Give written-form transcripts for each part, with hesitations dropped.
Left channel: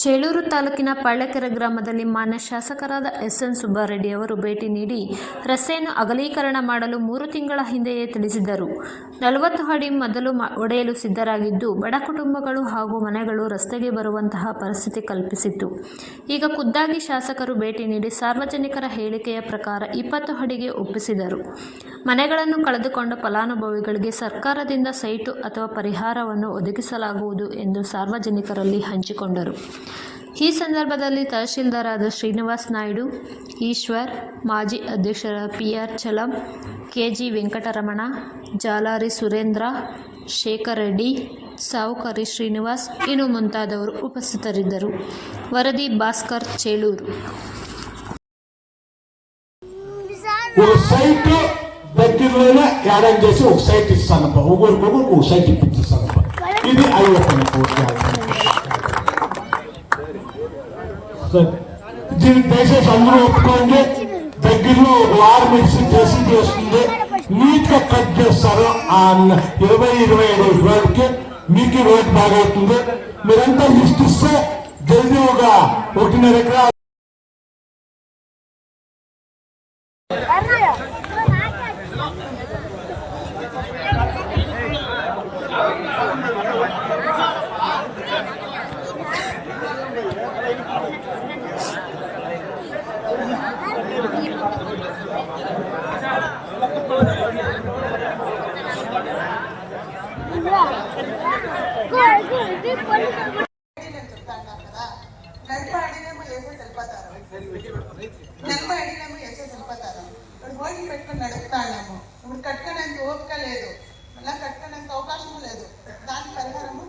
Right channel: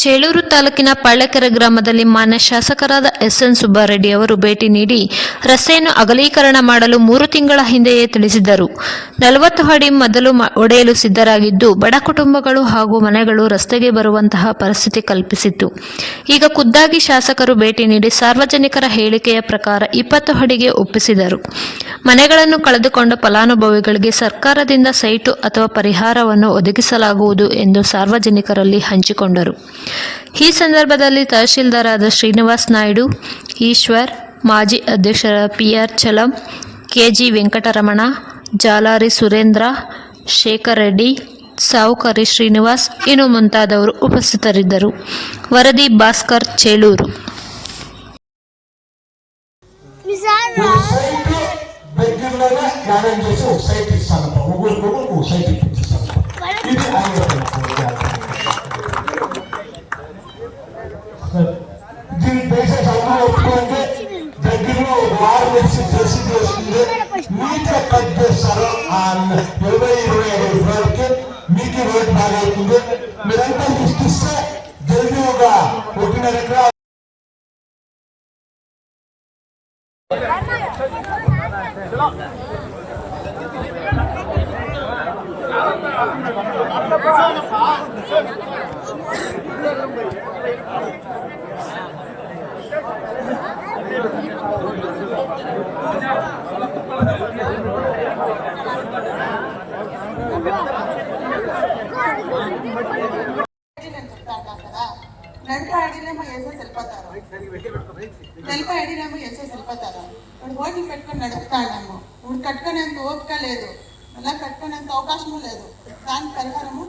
ಚೇಳೂರು ತಾಲೂಕಿನ ಪಳ್ಳಕೆರೆ ಗ್ರಾಮದಲ್ಲಿ ಮಾನ್ಯ ಶಾಸಕರಾದ ಎಸ್.ಎನ್. ಸುಬ್ಬಾರೆಡ್ಡಿ ಅವರು ಭೇಟಿ ನೀಡಿ ರಸ್ತೆಯನ್ನು ಅಗಲೀಕರಣ ಮಾಡಲು 3 ತಿಂಗಳ ಹಿಂದೆಯೇ ತಿಳಿಸಿದ್ದರು. 40 ಅಡಿ ಮೊದಲು ಒಡೆಯಲು ಸಿದ್ಧರಾಗಿದ್ದು, ಬಡ ಕುಟುಂಬಗಳು ಹಾಗೂ ಮನೆಗಳು ರಸ್ತೆಗೆ ಬರುವಂತಹ ಪರಿಸ್ಥಿತಿ ಕಲ್ಪಿಸಿತ್ತು. ಈಗ ಖುದ್ದಾಗಿ ಶಾಸಕರು ಭೇಟಿ ನೀಡಿ ಸಾರ್ವಜನಿಕರ ಹೇಳಿಕೆಯ ಪ್ರಕಾರ 20 ಅಡಿಗೆ ಒಪ್ಪಿಸಿದರು. ಮನೆಗಳನ್ನು ಕಳೆದುಕೊಂಡ ಫಲಾನುಭವಿಗಳಿಗೆ ಸರ್ಕಾರದಿಂದ ಸೈಟು ಅಥವಾ ಪರಿಹಾರವನ್ನು ಒದಗಿಸಲಾಗುವುದು ಎಂದು ಸಾರ್ವಜನಿಕರಲ್ಲಿ ಹಂಚಿಕೊಂಡರು. ಈ ಸಂದರ್ಭದಲ್ಲಿ ತಹಶೀಲ್ದಾರಾದ ಶ್ರೀನಿವಾಸ್ ನಾಯ್ಡು, ಈಶ್ವರ್, ಮಾಜಿ ಅಧ್ಯಕ್ಷರ ಪಿ.ಆರ್. ಚಲಂ, ಕೆ.ಜಿ. ವೆಂಕಟರಮಣ, ಜಾಲಾರಿ ಸುರೇಂದ್ರ, ಶೇಖರ್ ರೆಡ್ಡಿ, ಸಾವುಕಾರಿ ಶ್ರೀನಿವಾಸ್ ಇನ್ನು ಮುಂತಾದವರು ಉಪಸ್ಥಿತರಿದ್ದರು. ವರದಿ ಭಾಸ್ಕರ್, ಚೇಳೂರು. దీన్ని దయచేసి అందరూ ఒప్పుకోండి. దగ్గరలో వారు మెడిసిన్ చేసి వస్తుంది, నీట్గా కట్ చేస్తారు. 20-25 రోజులకి మీకు రోడ్ బాగవుతుంది. మీరంతా లిస్ట్ ఇస్తే జల్దీ ఒక 1.5 ఎకరాలు ఓట్లు పెట్టుకుని నడుపుతాము. ఇప్పుడు కట్టుకోడానికి ఓపిక లేదు, అలా కట్టుకోడానికి అవకాశం లేదు. దాని పరిహారము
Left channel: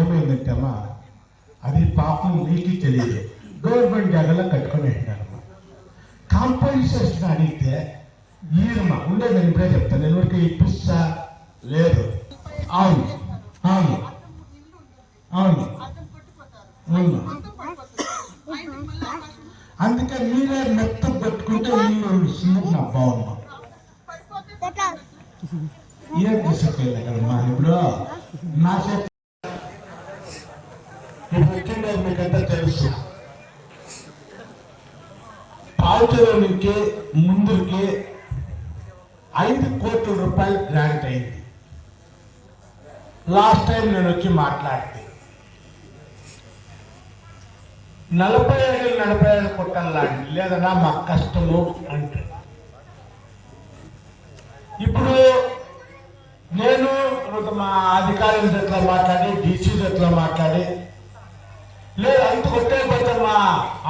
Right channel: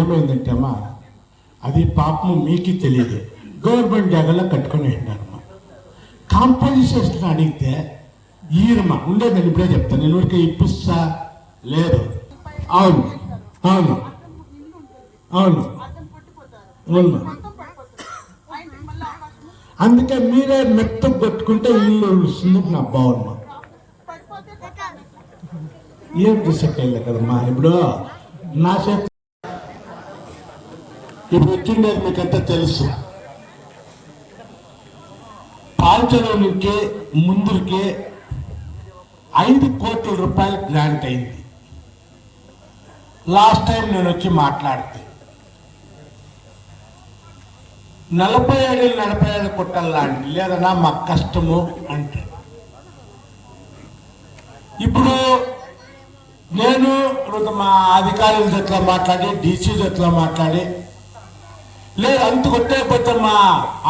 ఏమైందంటే అమ్మా, అది పాపం మీకు తెలియదు. గవర్నమెంట్ జాగాలో కట్టుకుని ఉన్నాను. కాంపోజిషన్ అడిగితే ఈరమ్మ ఉండేదని ఇప్పుడే చెప్తాను. నేను ఊరికి ఇప్పిస్తా లేదు. అవును అవును అవును అవును. అందుకే మీరే మెత్తం కొట్టుకుంటే ఇల్లు వస్తుంది. నా బాగున్నాం ఏం తీసుకెళ్ళి కదమ్మా. ఇప్పుడు నా చేతి ఇప్పుడు వచ్చిండేది మీకంతా తెలుసు. పాల్చడానికి ముందుకి 5 కోట్ల రూపాయలు గ్రాంట్ అయింది. లాస్ట్ టైం నేను వచ్చి మాట్లాడితే 47 కొట్టాలండి, లేదన్నా మాకు కష్టము అంటే. ఇప్పుడు నేను మా అధికారుల దగ్గర మాట్లాడి, డీసీ దగ్గర మాట్లాడి, లేదు అంత కొట్టేపోతే మా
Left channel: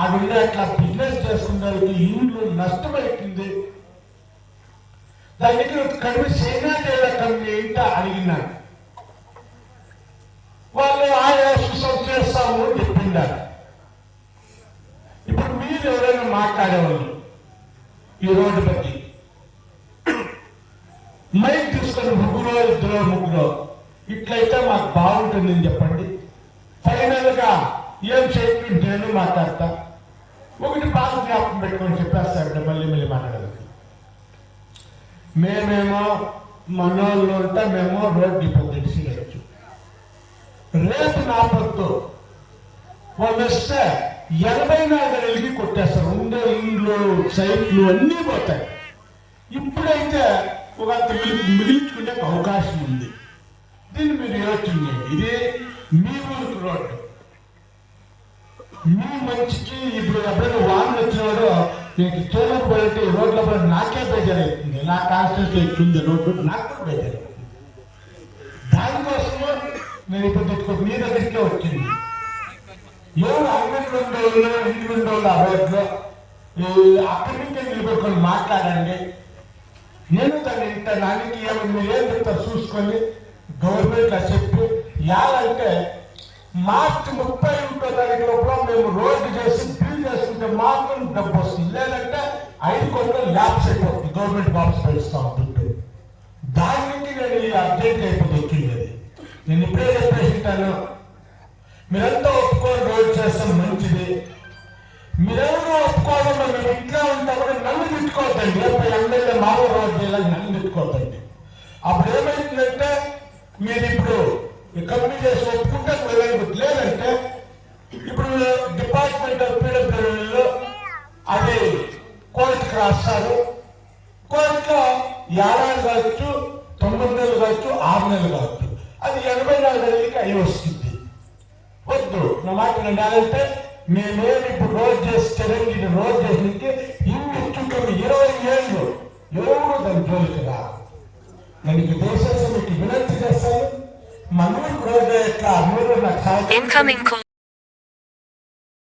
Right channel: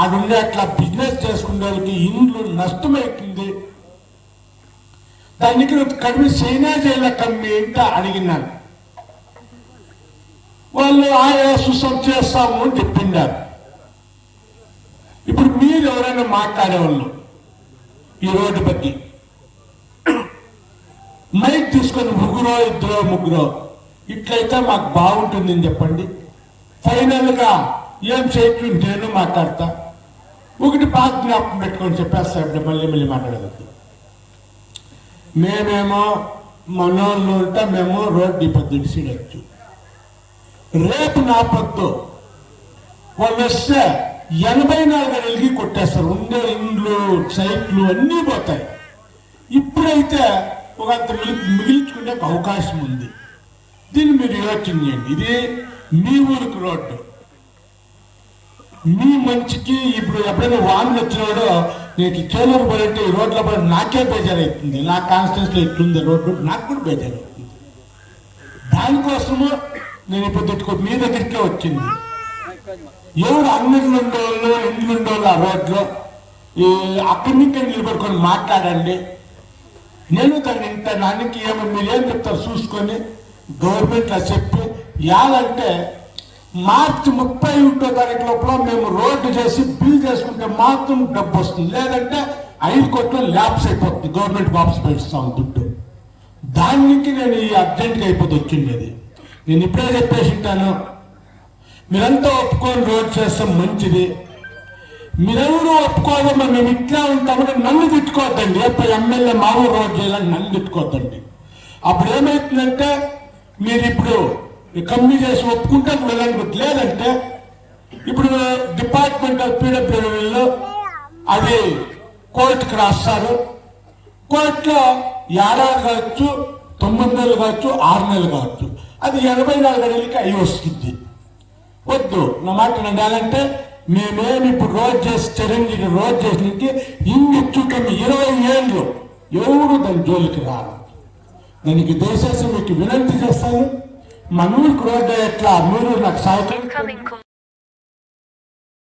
ఆడుండే అట్లా బిజినెస్ చేసుకునేకి ఇండ్లు నష్టమైపోయింది, దానికి కడిమి చైనా జైల కమ్మి ఇంట అడిగినాను. వాళ్ళు ఆయా సుసం చేస్తాము అని చెప్పిండారు. ఇప్పుడు మీరు ఎవరైనా మాట్లాడేవాళ్ళు ఈ రోడ్డు బట్టి మైక్ తీసుకొని 2-3 ఇట్లయితే మాకు బాగుంటుందని చెప్పండి. ఫైనల్ గా ఏం చేయకుంటేనే మాట్లాడతా. ఒకటి బాగా జ్ఞాపకం పెట్టుకొని చెప్పేస్తా. మళ్ళీ మాట్లాడేది మేమేమో మనోళ్ళు ఉంటే మేము రోడ్డు ఇప్పుడు సీడచ్చు. రేపు నా పొద్దు వాళ్ళు వస్తే 84 నెలలకి కొట్టేస్తారు. ఉండే ఇండ్లు సైట్లు అన్నీ పోతాయి. ఇప్పుడైతే ఒక మిగిలించుకునే అవకాశం ఉంది. దీన్ని మీరు యోచన చేయండి. ఇది మీ ఊరికి రోడ్డు, మీ మంచికి. ఇప్పుడు ఎప్పుడైనా వాహనం వచ్చినాడో నీకు చేలూరు పోయింటే ఈ రోడ్ల పడి నాకే బేజారు అవుతుంది. నా కాన్స్టిట్యూన్సీలో ఎట్లుంది రోడ్డు, నాకు కూడా బేజారు అవుతుంది. దానికోసము నేను ఇప్పుడు మీ దగ్గరికే వచ్చింది. ఎవరు అంగళ్ళు ఉండేవాళ్ళు, ఇండ్లు ఉండేవాళ్ళు ఆ రోడ్లు అక్కడి నుంచి నిలబడుకొని మాట్లాడండి. నేను దానికి ఏమో మీరు ఏం చెప్తారు చూసుకొని గవర్నమెంట్ చెప్పి యాలంటే మార్చి 31వ తారీఖు లోపల మేము రోడ్డు చేసి బిల్ చేసుకుంటే మాత్రం డబ్బు వస్తుంది. లేదంటే 5 కోట్లు ల్యాబ్స్ అయిపోతుంది. గవర్నమెంట్ వాపస్ పెడుస్తాం దుడ్డు. దాని నుంచి నేను ఈ అర్జెంట్గా అయిపోతే వచ్చిండేది. నేను ఇప్పుడే చెప్పేసి ఉంటాను, మీరంతా ఒప్పుకొని రోడ్ చేస్తే మంచిది. మీరెవరూ ఒప్పుకోవాలి మేము ఇట్లా ఉంటామని నన్ను తిట్టుకోవద్దండి. ఎప్పుడు ఎమ్మెల్యే మామూలు రోడ్ చేయాలని నన్ను తిట్టుకోవద్దండి. అప్పుడు ఏమైతుందంటే మీరు ఇప్పుడు కమ్మి చేసి ఒప్పుకుంటే వెళ్ళండి, లేదంటే ఇప్పుడు డిపార్ట్మెంట్ ఆఫ్ పీడబ్ల్యూడీలో అది కోర్టుకు రాస్తారు. కోర్టులో ఏడాది కావచ్చు, 9 నెలలు కావచ్చు, 6 నెలలు కావచ్చు, అది 84 గంటలకి అయ్యి వస్తుంది. వద్దు, నా మాట వినాలంటే మేమేమి ఇప్పుడు రోజు చేసి చిరంజీవి రోజు చేసినట్టు ఇన్ని చుట్టూ 20 ఏళ్ళు ఎవరు దాని జోలికి రాదు. నేను దయచేసి మీకు వినంతి చేస్తాను, మా నూరుకు రోడ్డు ఎట్లా మీరు నాకు సహాయం